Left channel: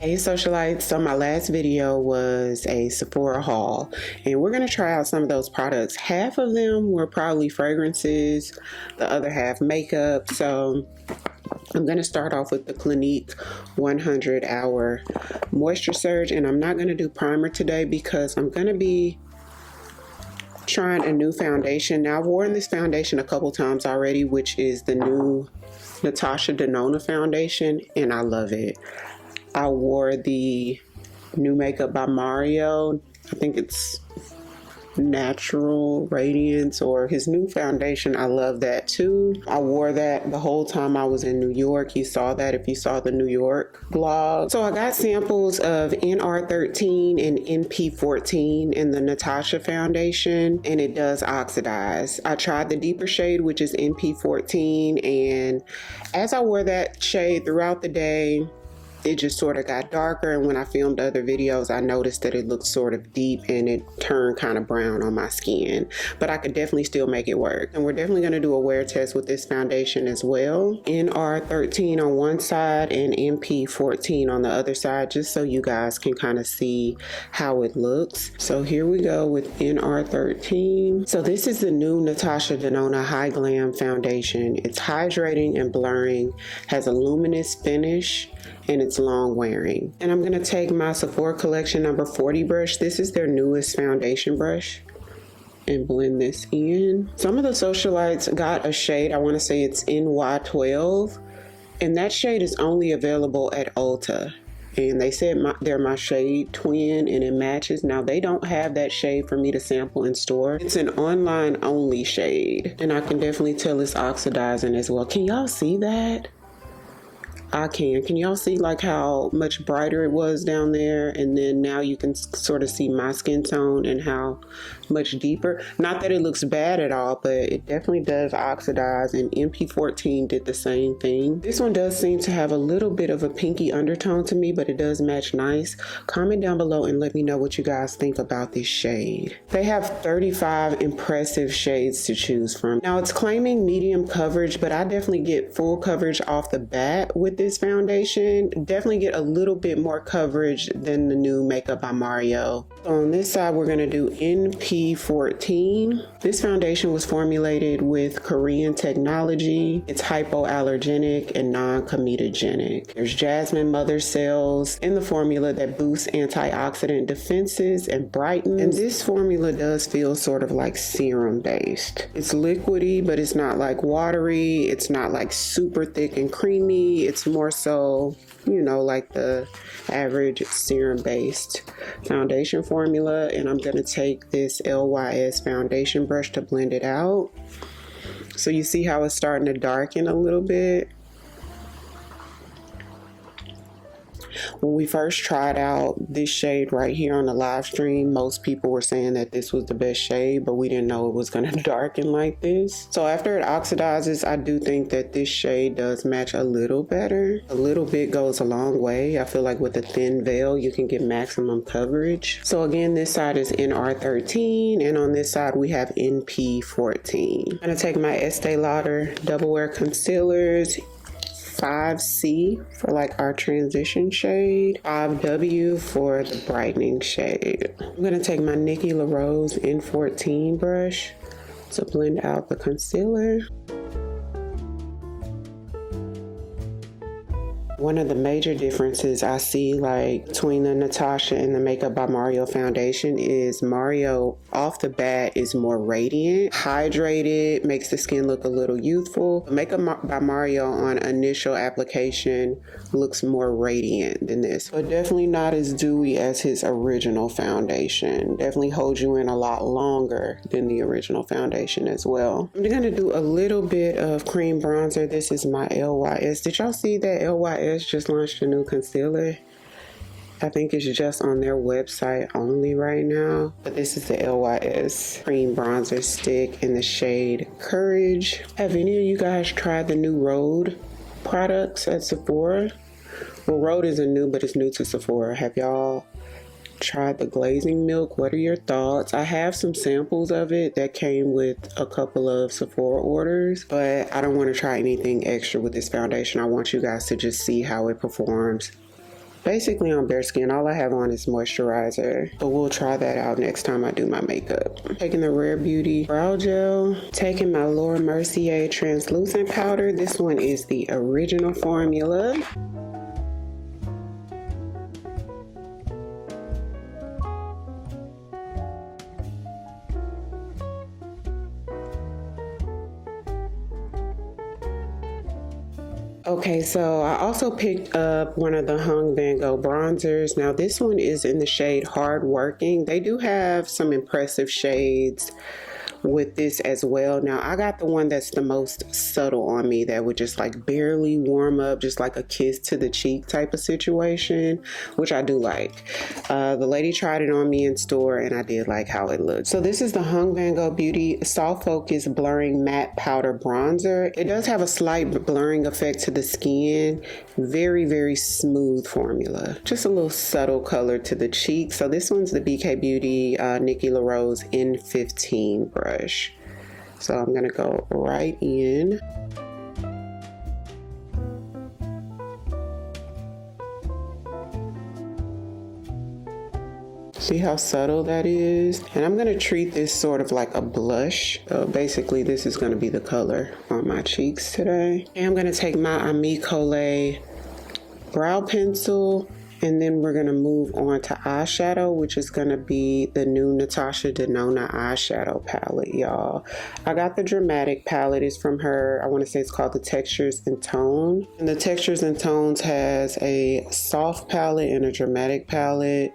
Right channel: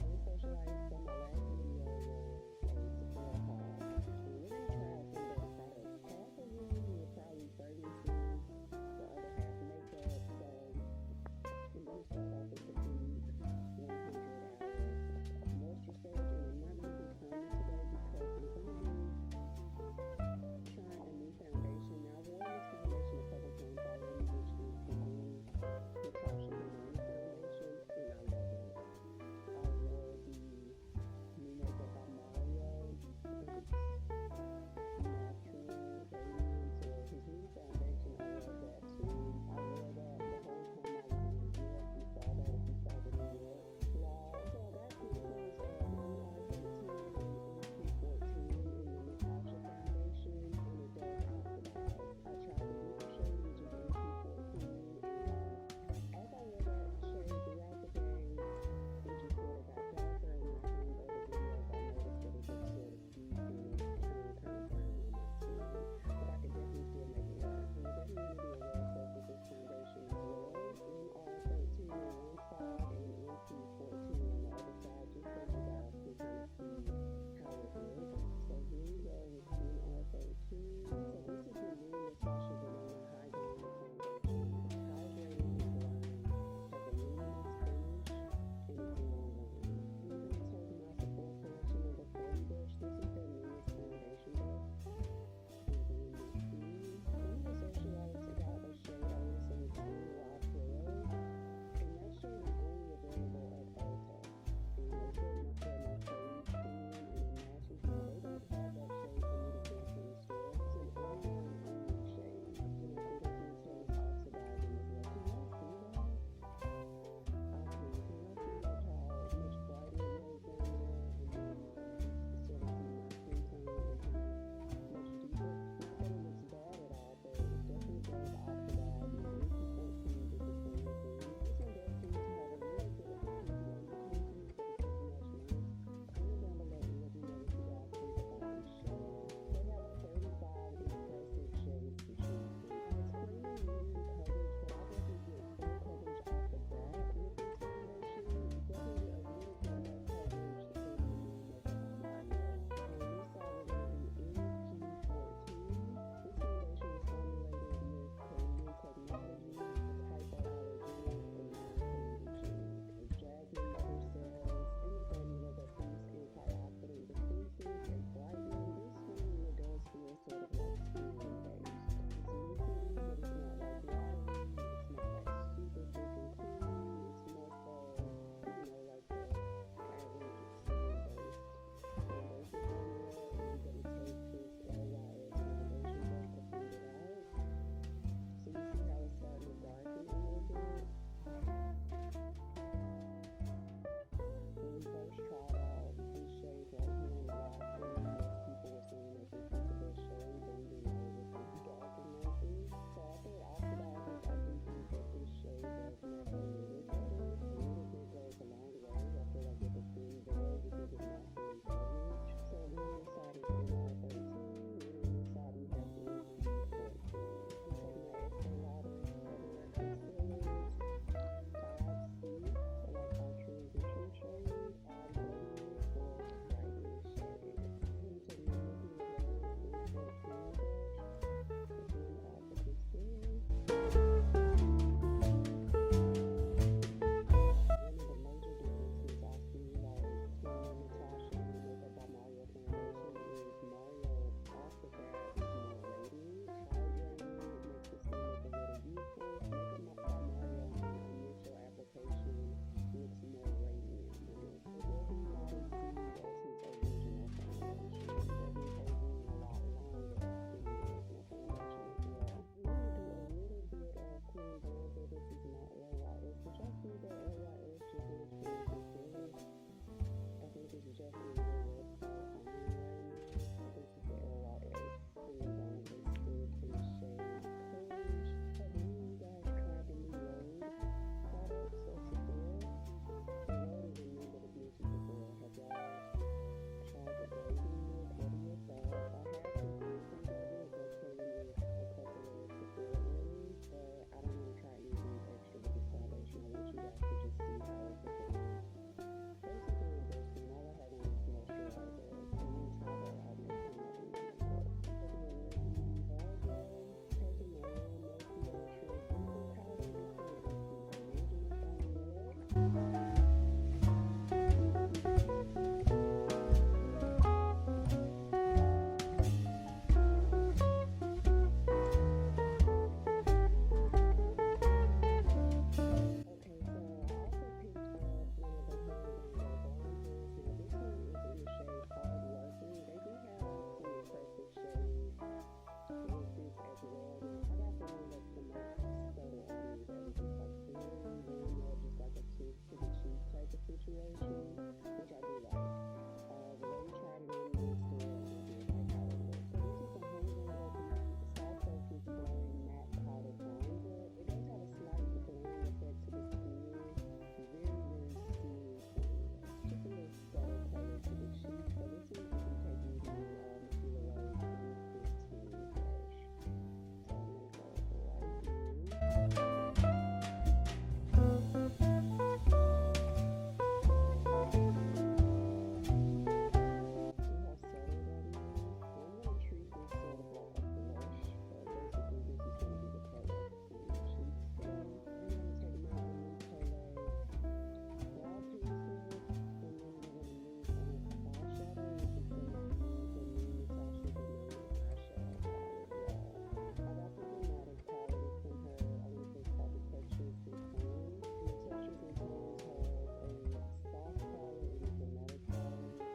Hey socialites, so my last video was a Sephora haul and we're going to try out some of those products. Half of them were probably fragrances, the other half makeup. So I'm going to start off with the Clinique 100 Hour Moisture Surge, and I'm not going to do primer today because I'm going to be trying a new foundation. Now I've worn this foundation a couple times already, which is the new Natasha Denona foundation, and I love it. I wore the new makeup by Mario. I think it's Natural Radiance, or his new foundation. I love that too. I wore that the whole time I was in New York. You saw that if you saw the New York vlog. So I got samples of NR13 and NP14 in the Natasha foundation, and it does oxidize. I tried the deeper shade, which is NP14, and as I wore that shade throughout the day, it just sort of got darker, and when I filmed other videos I noticed that it looked sort of deep and it turned kind of brown on my skin, but I could definitely still make it work. And we're definitely going to do a wear test with this foundation as well. NR13 on one side and NP14 on the other side, just so you guys can kind of see how it looks. So here we go with NR13. So this is the new Natasha Denona High Glam foundation. It's hydrating and blurring, has a luminous finish, and it's long wearing. And I'm gonna take my Sephora collection number 40 brush. This is their newest foundation brush, and blend this in. Some of the socialites got a shade, I wanna say it's NY12, and that shade is only available at Ulta. And they said they're my shade twin and it matches. Now they don't have that shade for me to sample in store. It's an online only shade, and I can definitely tell it's oxidizing as well. Can y'all see that? I can. Can y'all see like how much brighter it was down there, and then now you can sort of see my skin tone and how much deeper. Not that it looks bad at all, but it definitely does oxidize, and NP14 did the same thing. This one does seem to have a little bit of a pinky undertone to me, but it does match nice. Comment down below and let me know what you guys think about this shade. They have 35 impressive shades to choose from. Now it's claiming medium coverage, but I definitely get full coverage off the bat with this foundation. Definitely get a little bit more coverage than the new makeup by Mario. So on this side we're going to do NP14. This foundation was formulated with Korean technology. It's hypoallergenic and non-comedogenic. There's jasmine mother cells in the formula that boosts antioxidant defenses and brightens. And this formula does feel sort of like serum based. It's liquidy, but it's not like watery. It's not like super thick and creamy. It's more so, you know, like the average serum based foundation formula. And I'm going to take this LYS foundation brush to blend it out. So you see how it's starting to darken a little bit. When we first tried out this shade right here on the live stream, most people were saying that this was the best shade, but we didn't know it was going to darken like this. So after it oxidizes, I do think that this shade does match a little better. A little bit goes a long way. I feel like with a thin veil, you can get maximum coverage. So again, this side is NR13, and on this side we have NP14. I'm going to take my Estee Lauder Double Wear Concealers, 5C for like our transition shade, 5W for the brightening shade. I'm gonna take my Nikki LaRose N14 brush to blend out the concealer. One of the major differences I see like between the Natasha and the Makeup by Mario foundation is Mario off the bat is more radiant, hydrated, makes the skin look a little youthful. The Makeup by Mario on initial application looks more radiant than this, but definitely not as dewy as his original foundation. Definitely holds you in a lot longer than the original foundation as well. I'm gonna do a little bit of cream bronzer. This is my LYS. Did y'all see that LYS just launched a new concealer? I think it's just on their website only right now, but this is the LYS cream bronzer stick in the shade Courage. Have any of you guys tried the new Rhode products at Sephora? Well, Rhode isn't new, but it's new to Sephora. Have y'all tried the glazing milk? What are your thoughts? I have some samples of it that came with a couple of Sephora orders, but I don't want to try anything extra with this foundation. I want you guys to just see how it performs basically on bare skin. All I have on is moisturizer, but we'll try that out next time I do my makeup. Taking the Rare Beauty brow gel, taking my Laura Mercier translucent powder. This one is the original formula. Okay, so I also picked up one of the Hung Van Gogh bronzers. Now this one is in the shade Hard Working. They do have some impressive shades with this as well. Now I got the one that's the most subtle on me, that would just like barely warm up, just like a kiss to the cheek type of situation, which I do like. The lady tried it on me in store and I did like how it looked. So this is the Hung Van Gogh Beauty Soft Focus Blurring Matte Powder Bronzer. It does have a slight blurring effect to the skin. Very, very smooth formula. Just a little subtle color to the cheek. So this one's the BK Beauty Nikki LaRose N15 brush. So I'm gonna go right in. See how subtle that is? And I'm gonna treat this sort of like a blush. So basically this is gonna be the color on my cheeks today. And I'm gonna take my Ami Colé brow pencil, and then we're gonna move on to eyeshadow, which is gonna be the new Natasha Denona eyeshadow palette, y'all. I got the Dramatic palette. It's from her, I wanna say it's called the Textures and Tone. And the Textures and Tones has a soft palette and a dramatic palette.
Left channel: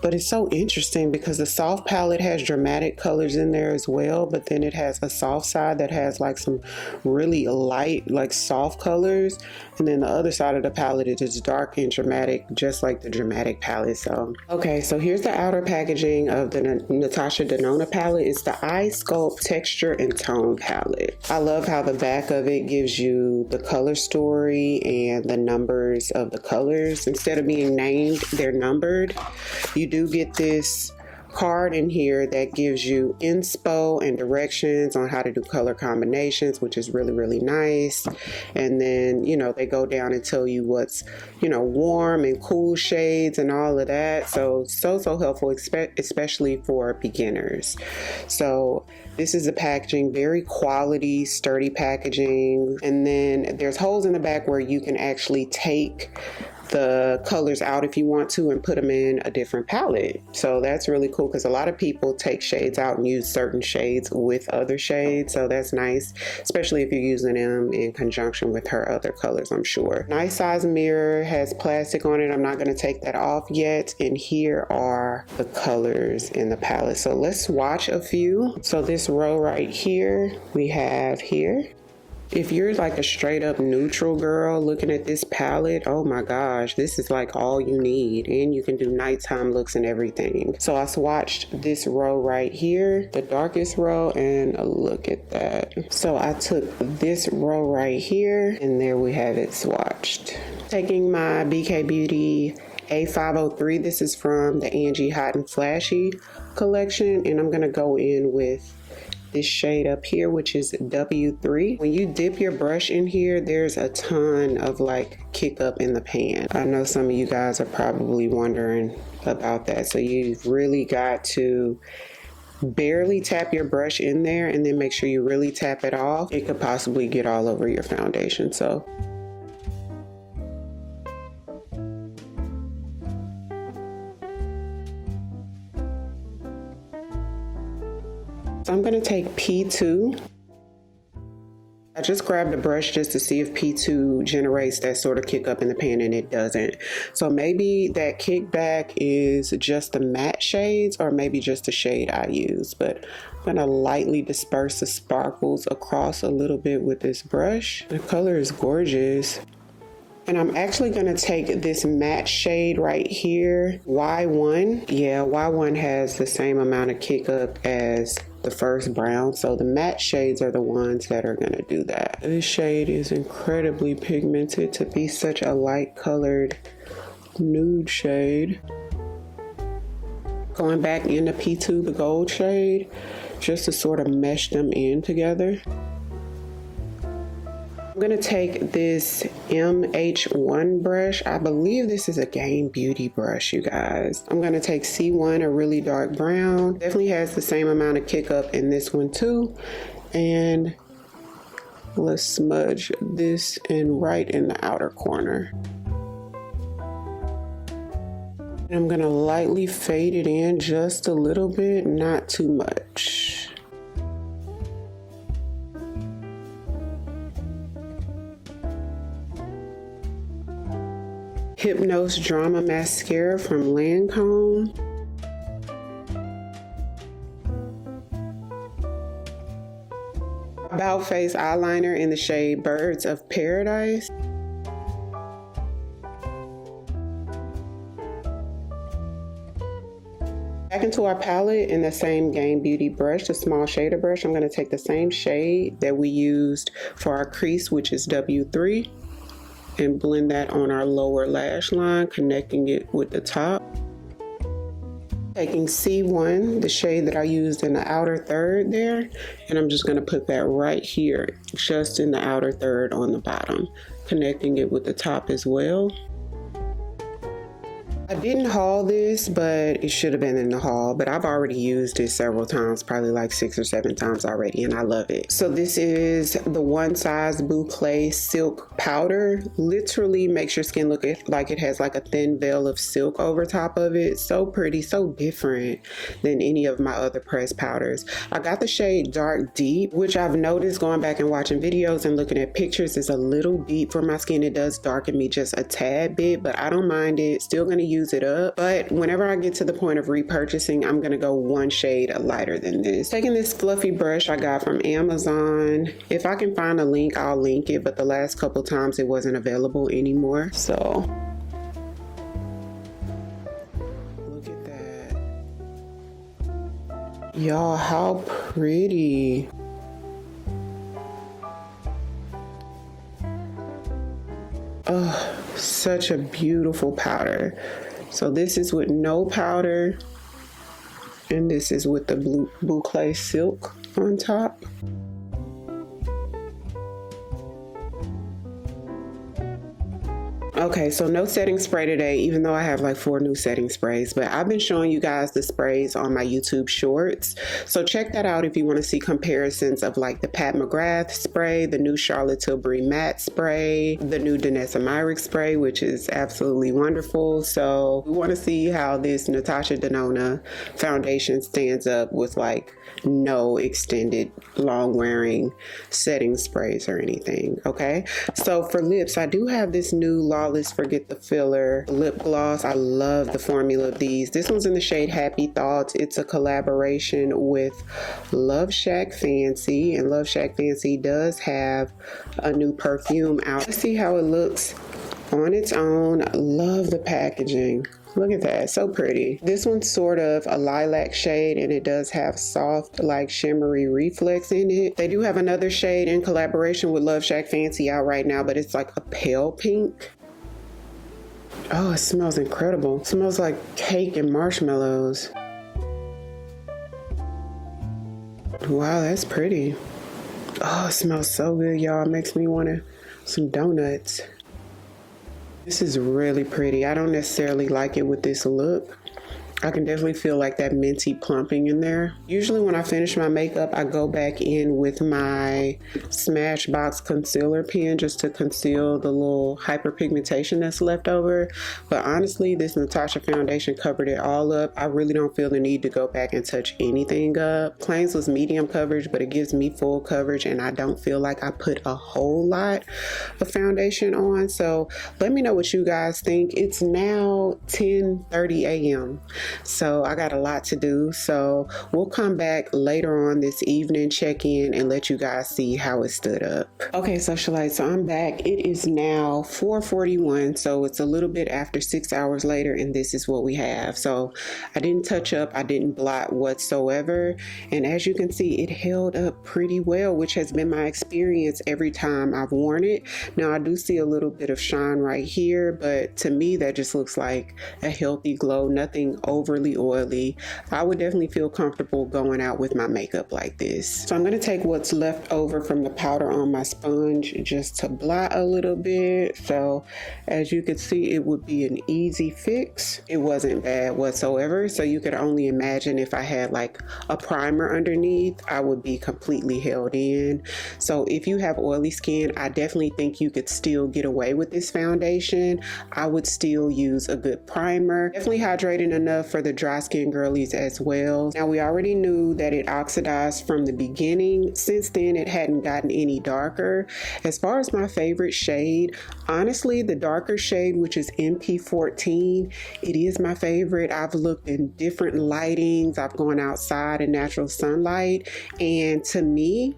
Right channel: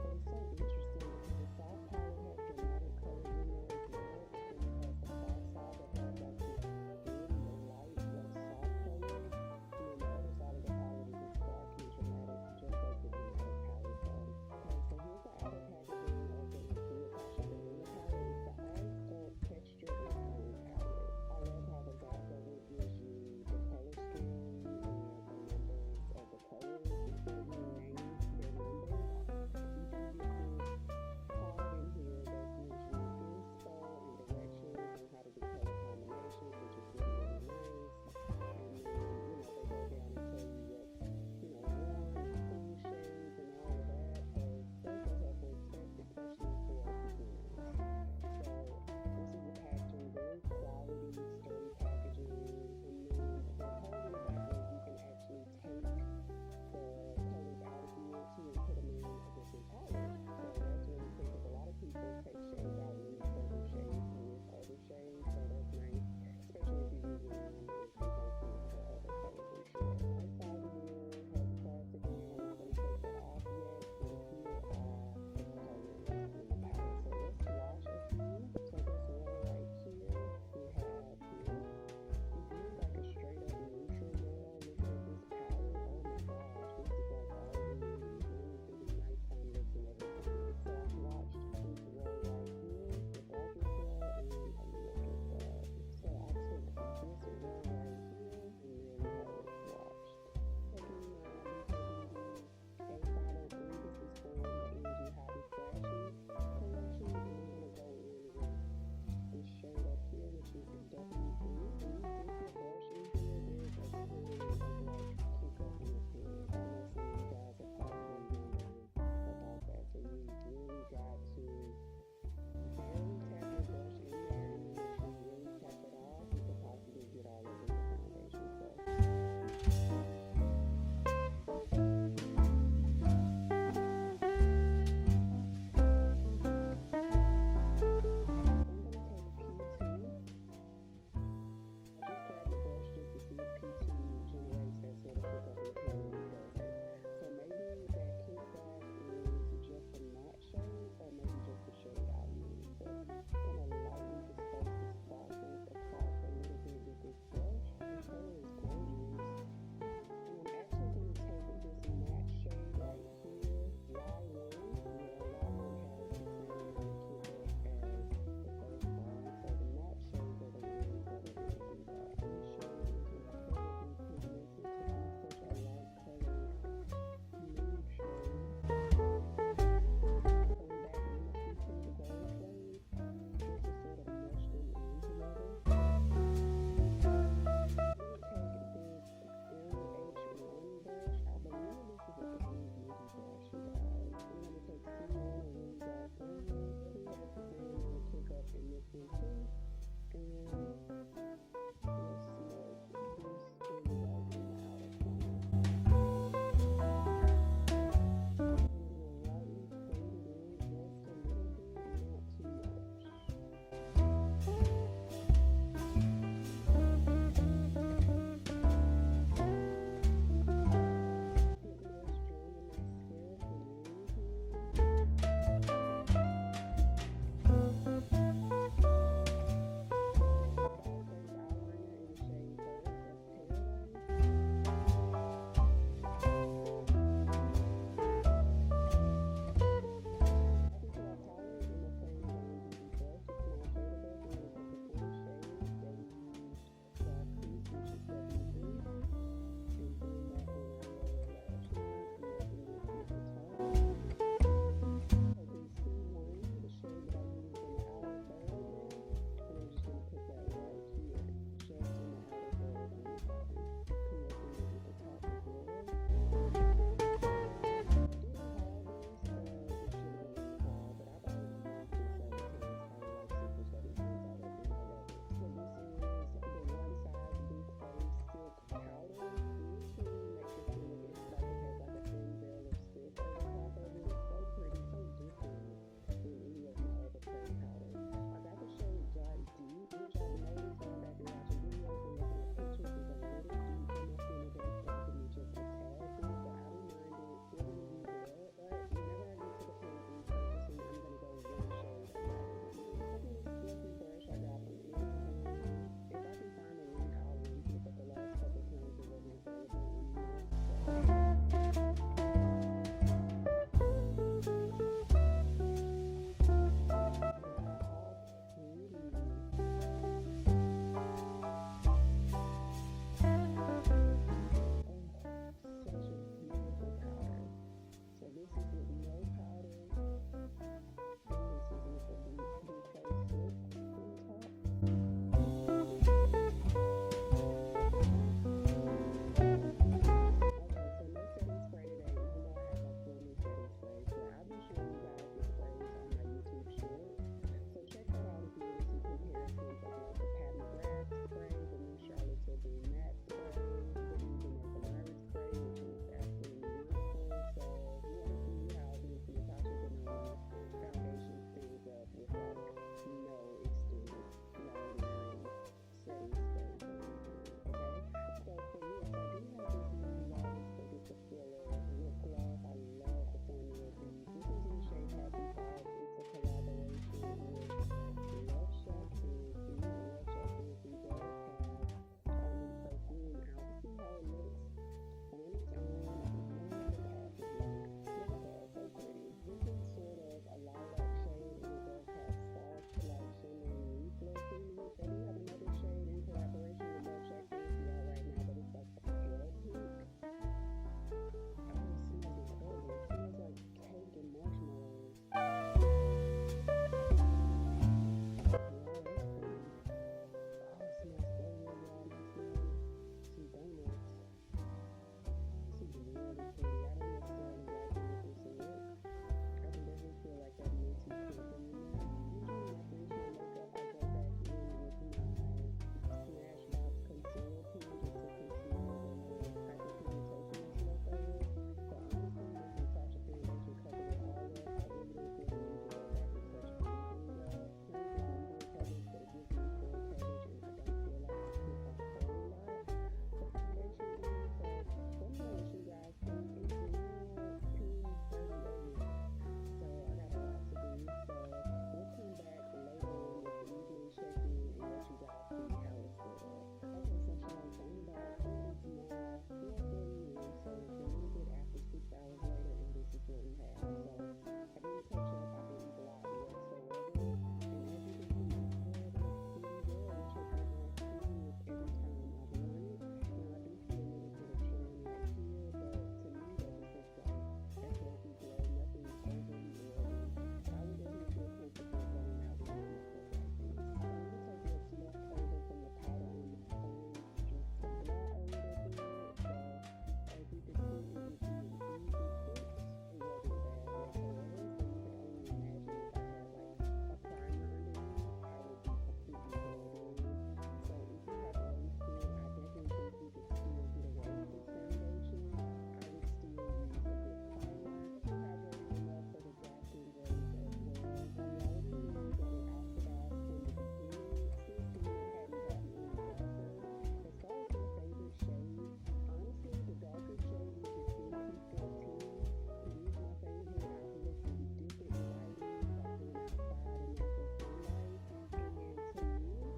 But it's so interesting because the soft palette has dramatic colors in there as well, but then it has a soft side that has like some really light, like soft colors. And then the other side of the palette is just dark and dramatic, just like the dramatic palette. So, okay, so here's the outer packaging of the Natasha Denona palette. It's the Eye Sculpt Texture and Tone palette. I love how the back of it gives you the color story and the numbers of the colors. Instead of being named, they're numbered. You do get this card in here that gives you inspo and directions on how to do color combinations, which is really, really nice. And then, you know, they go down and tell you what's, you know, warm and cool shades and all of that. So helpful, especially for beginners. So this is the packaging, very quality, sturdy packaging. And then there's holes in the back where you can actually take the colors out if you want to and put them in a different palette. So that's really cool because a lot of people take shades out and use certain shades with other shades. So that's nice, especially if you're using them in conjunction with her other colors, I'm sure. Nice size mirror, has plastic on it. I'm not going to take that off yet. And here are the colors in the palette. So let's swatch a few. So this row right here, we have here. If you're like a straight up neutral girl looking at this palette, oh my gosh, this is like all you need. And you can do nighttime looks and everything. So I swatched this row right here, the darkest row, and look at that. So I took this row right here, and there we have it swatched. Taking my BK Beauty A503, this is from the Angie Hot and Flashy collection, and I'm gonna go in with this shade up here, which is W3. When you dip your brush in here, there's a ton of like kick up in the pan. I know some of you guys are probably wondering about that. So you've really got to barely tap your brush in there and then make sure you really tap it off. It could possibly get all over your foundation. So I'm going to take P2. I just grabbed a brush just to see if P2 generates that sort of kick up in the pan, and it doesn't. So maybe that kickback is just the matte shades or maybe just the shade I use. But I'm going to lightly disperse the sparkles across a little bit with this brush. The color is gorgeous. And I'm actually going to take this matte shade right here, Y1. Yeah, Y1 has the same amount of kick up as the first brown. So the matte shades are the ones that are going to do that. This shade is incredibly pigmented to be such a light colored nude shade. Going back into P2, the gold shade, just to sort of mesh them in together. I'm gonna take this MH1 brush. I believe this is a Game Beauty brush, you guys. I'm gonna take C1, a really dark brown. Definitely has the same amount of kick up in this one too. And let's smudge this in right in the outer corner. And I'm gonna lightly fade it in just a little bit, not too much. Hypnose Drama Mascara from Lancome. About Face eyeliner in the shade Birds of Paradise. Back into our palette in the same Game Beauty brush, the small shader brush. I'm going to take the same shade that we used for our crease, which is W3. And blend that on our lower lash line, connecting it with the top. Taking C1, the shade that I used in the outer third there, and I'm just gonna put that right here, just in the outer third on the bottom, connecting it with the top as well. I didn't haul this, but it should have been in the haul, but I've already used it several times, probably like 6 or 7 times already, and I love it. So this is the One Size Boucle Silk Powder. Literally makes your skin look like it has like a thin veil of silk over top of it. So pretty, so different than any of my other pressed powders. I got the shade Dark Deep, which I've noticed going back and watching videos and looking at pictures is a little deep for my skin. It does darken me just a tad bit, but I don't mind it. Still gonna use it up, but whenever I get to the point of repurchasing, I'm gonna go one shade lighter than this. Taking this fluffy brush I got from Amazon. If I can find a link, I'll link it, but the last couple times it wasn't available anymore. So look at that. Y'all, how pretty. Oh, such a beautiful powder. So this is with no powder, and this is with the Boucle Silk on top. Okay, so no setting spray today, even though I have like 4 new setting sprays, but I've been showing you guys the sprays on my YouTube shorts. So check that out if you want to see comparisons of like the Pat McGrath spray, the new Charlotte Tilbury matte spray, the new Danessa Myrick spray, which is absolutely wonderful. So we want to see how this Natasha Denona foundation stands up with like no extended long wearing setting sprays or anything. Okay, so for lips, I do have this new Lawless Forget the Filler lip gloss. I love the formula of these. This one's in the shade Happy Thoughts. It's a collaboration with Love Shack Fancy, and Love Shack Fancy does have a new perfume out. Let's see how it looks on its own. Love the packaging. Look at that, so pretty. This one's sort of a lilac shade, and it does have soft, like shimmery reflex in it. They do have another shade in collaboration with Love Shack Fancy out right now, but it's like a pale pink. Oh, it smells incredible. It smells like cake and marshmallows. Wow, that's pretty. Oh, it smells so good, y'all. It makes me want some donuts. This is really pretty. I don't necessarily like it with this look. I can definitely feel like that minty plumping in there. Usually when I finish my makeup, I go back in with my Smashbox concealer pen just to conceal the little hyperpigmentation that's left over. But honestly, this Natasha foundation covered it all up. I really don't feel the need to go back and touch anything up. Claims was medium coverage, but it gives me full coverage, and I don't feel like I put a whole lot of foundation on. So let me know what you guys think. It's now 10:30 a.m. So I got a lot to do. So we'll come back later on this evening, check in, and let you guys see how it stood up. Okay, socialites, so I'm back. It is now 4:41, so it's a little bit after 6 hours later, and this is what we have. So I didn't touch up, I didn't blot whatsoever, and as you can see, it held up pretty well, which has been my experience every time I've worn it. Now I do see a little bit of shine right here, but to me that just looks like a healthy glow, nothing over overly oily, I would definitely feel comfortable going out with my makeup like this. So I'm going to take what's left over from the powder on my sponge just to blot a little bit. So as you can see, it would be an easy fix. It wasn't bad whatsoever. So you could only imagine if I had like a primer underneath, I would be completely held in. So if you have oily skin, I definitely think you could still get away with this foundation. I would still use a good primer. Definitely hydrating enough for the dry skin girlies as well. Now we already knew that it oxidized from the beginning. Since then it hadn't gotten any darker. As far as my favorite shade, honestly the darker shade, which is MP14, it is my favorite. I've looked in different lightings. I've gone outside in natural sunlight, and to me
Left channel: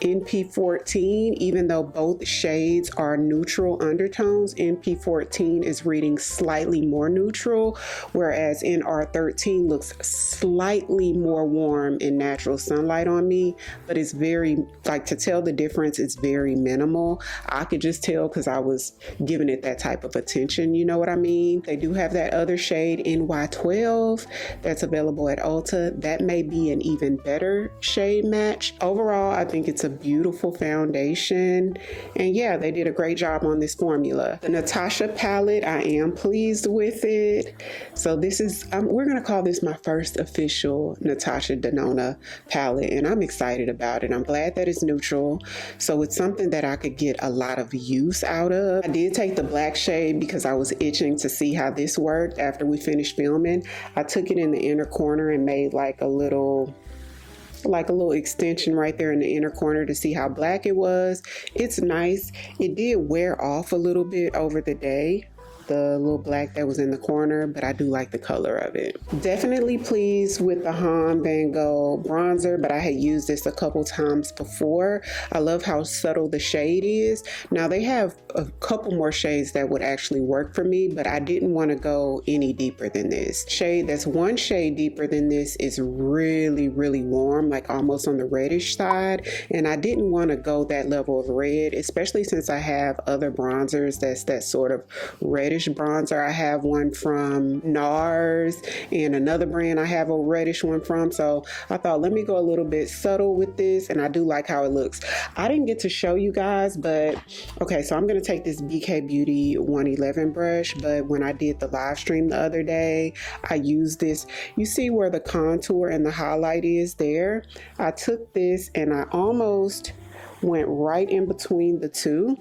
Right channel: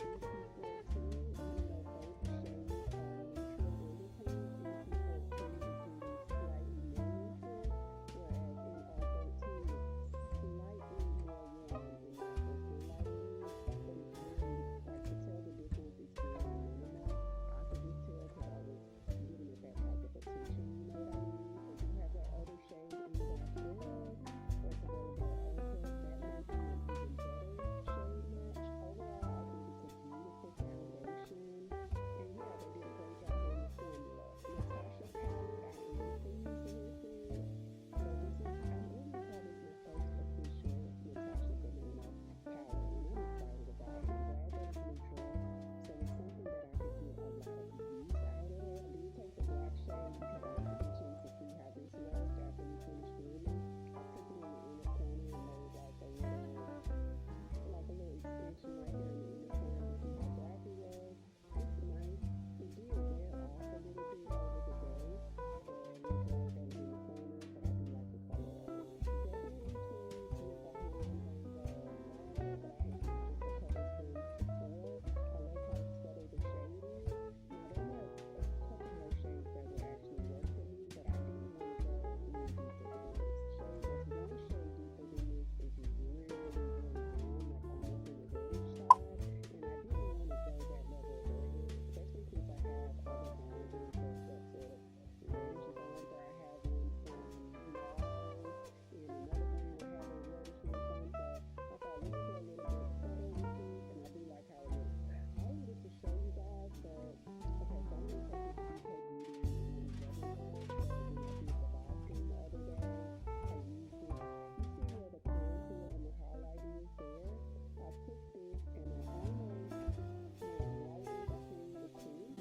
MP14, even though both shades are neutral undertones, MP14 is reading slightly more neutral, whereas NR13 looks slightly more warm in natural sunlight on me, but it's very, like, to tell the difference, it's very minimal. I could just tell because I was giving it that type of attention, you know what I mean? They do have that other shade, NY12, that's available at Ulta. That may be an even better shade match. Overall, I think it's a beautiful foundation, and yeah, they did a great job on this formula. The Natasha palette, I am pleased with it. So this is, we're gonna call this my first official Natasha Denona palette, and I'm excited about it. I'm glad that it's neutral, so it's something that I could get a lot of use out of. I did take the black shade because I was itching to see how this worked after we finished filming. I took it in the inner corner and made like a little extension right there in the inner corner to see how black it was. It's nice. It did wear off a little bit over the day, the little black that was in the corner, but I do like the color of it. Definitely pleased with the Han Van Gogh bronzer, but I had used this a couple times before. I love how subtle the shade is. Now they have a couple more shades that would actually work for me, but I didn't want to go any deeper than this. Shade that's one shade deeper than this is really, really warm, like almost on the reddish side, and I didn't want to go that level of red, especially since I have other bronzers that's that sort of reddish bronzer. I have one from NARS and another brand I have a reddish one from, so I thought let me go a little bit subtle with this, and I do like how it looks. I didn't get to show you guys, but okay, so I'm gonna take this BK Beauty 111 brush, but when I did the live stream the other day, I used this. You see where the contour and the highlight is there? I took this and I almost went right in between the two.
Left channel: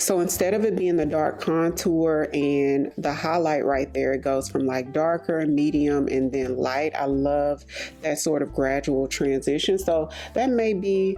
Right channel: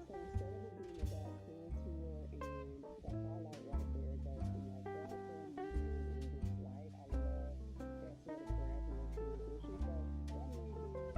So instead of it being the dark contour and the highlight right there, it goes from like darker, medium, and then light. I love that sort of gradual transition. So that may be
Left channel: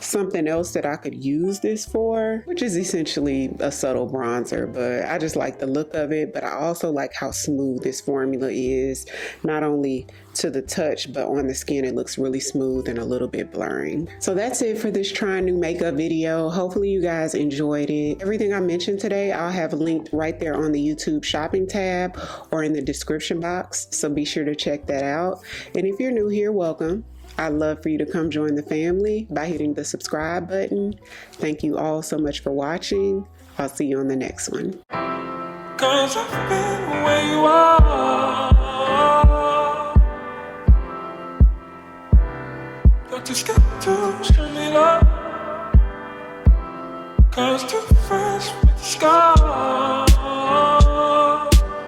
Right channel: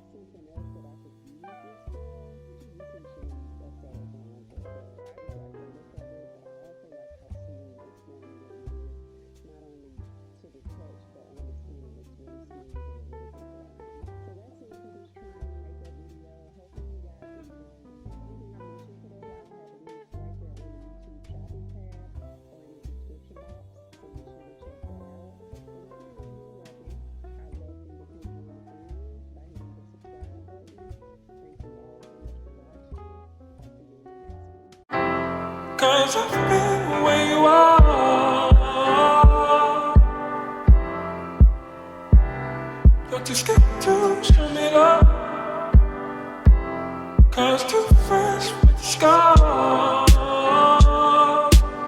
something else that I could use this for, which is essentially a subtle bronzer, but I just like the look of it. But I also like how smooth this formula is, not only to the touch, but on the skin it looks really smooth and a little bit blurring. So that's it for this trying new makeup video. Hopefully you guys enjoyed it. Everything I mentioned today I'll have linked right there on the YouTube shopping tab or in the description box, so be sure to check that out. And if you're new here, welcome. I'd love for you to come join the family by hitting the subscribe button. Thank you all so much for watching. I'll see you on the next one. 'Cause I've been where you are. You're too scared to show me love. 'Cause too fresh with the scars.